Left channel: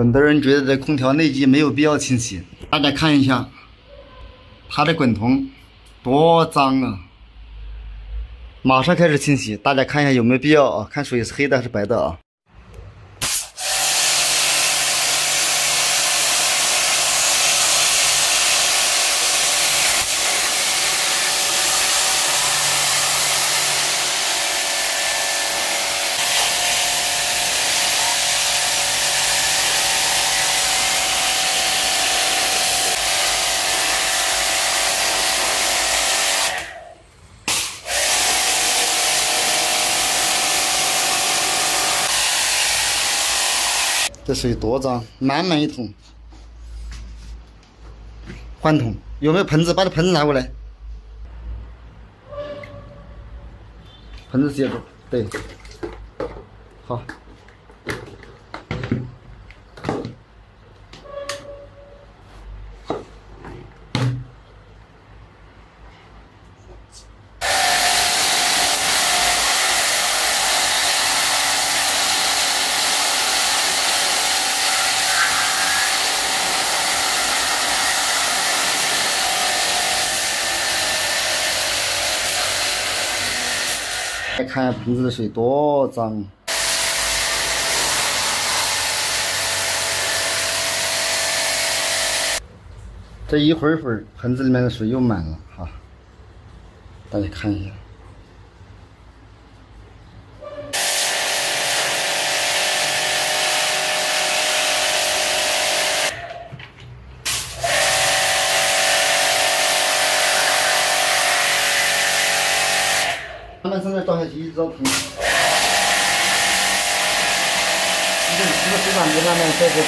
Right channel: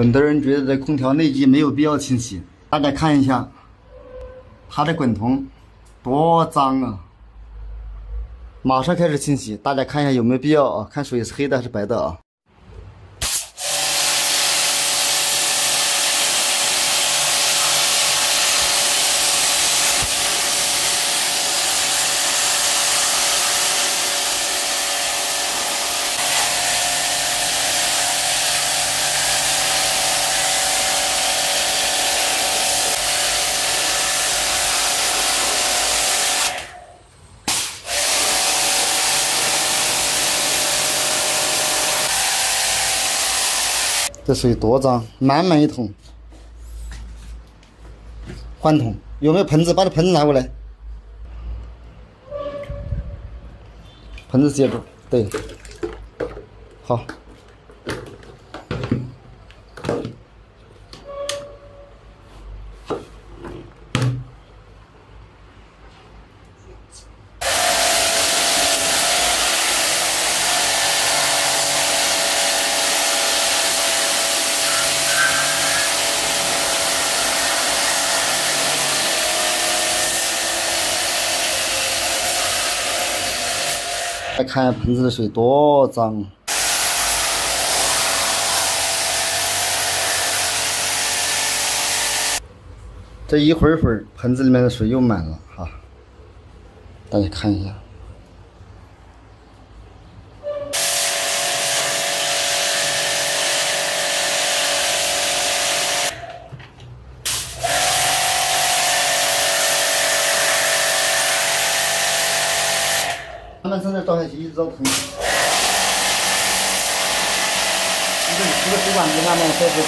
很多人觉得这空调内机没有必要清洗，大家看一下它的滚筒多脏啊！马上开始清洗，大家看一下有没有必要啊？看水是黑的还是白的啊？这水多脏，满满一桶。换桶，有没有盆子？把这盆子拿过来。盆子接住，对，好。再看盆子的水多脏，这一会儿盆子里面的水又满了哈，大家看一下。慢慢从这倒下去，一直到桶。你这洗个水管就慢慢倒水。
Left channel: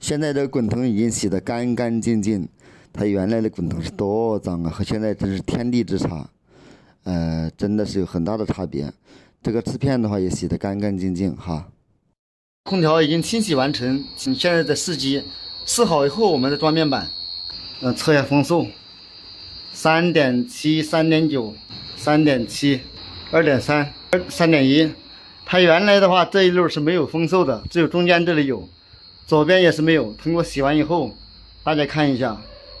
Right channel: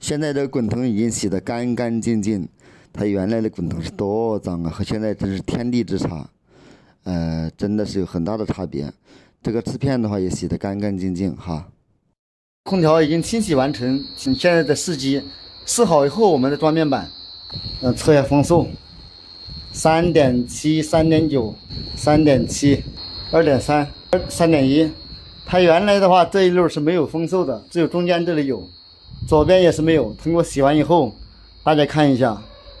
现在这滚筒已经洗得干干净净，它原来的滚筒是多脏啊，和现在真是天地之差，真的是有很大的差别。这个瓷片的话也洗得干干净净哈。空调已经清洗完成，现在在试机，试好以后我们再装面板，测一下风速，3.7、3.9、3.7、2.3、3.1。它原来的话这一溜是没有风速的，只有中间这里有。左边也是没有，通过洗完以后，大家看一下，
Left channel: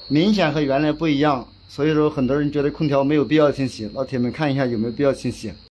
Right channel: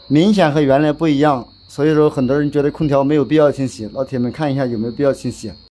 明显和原来不一样。所以说，很多人觉得空调没有必要清洗，老铁们看一下有没有必要清洗。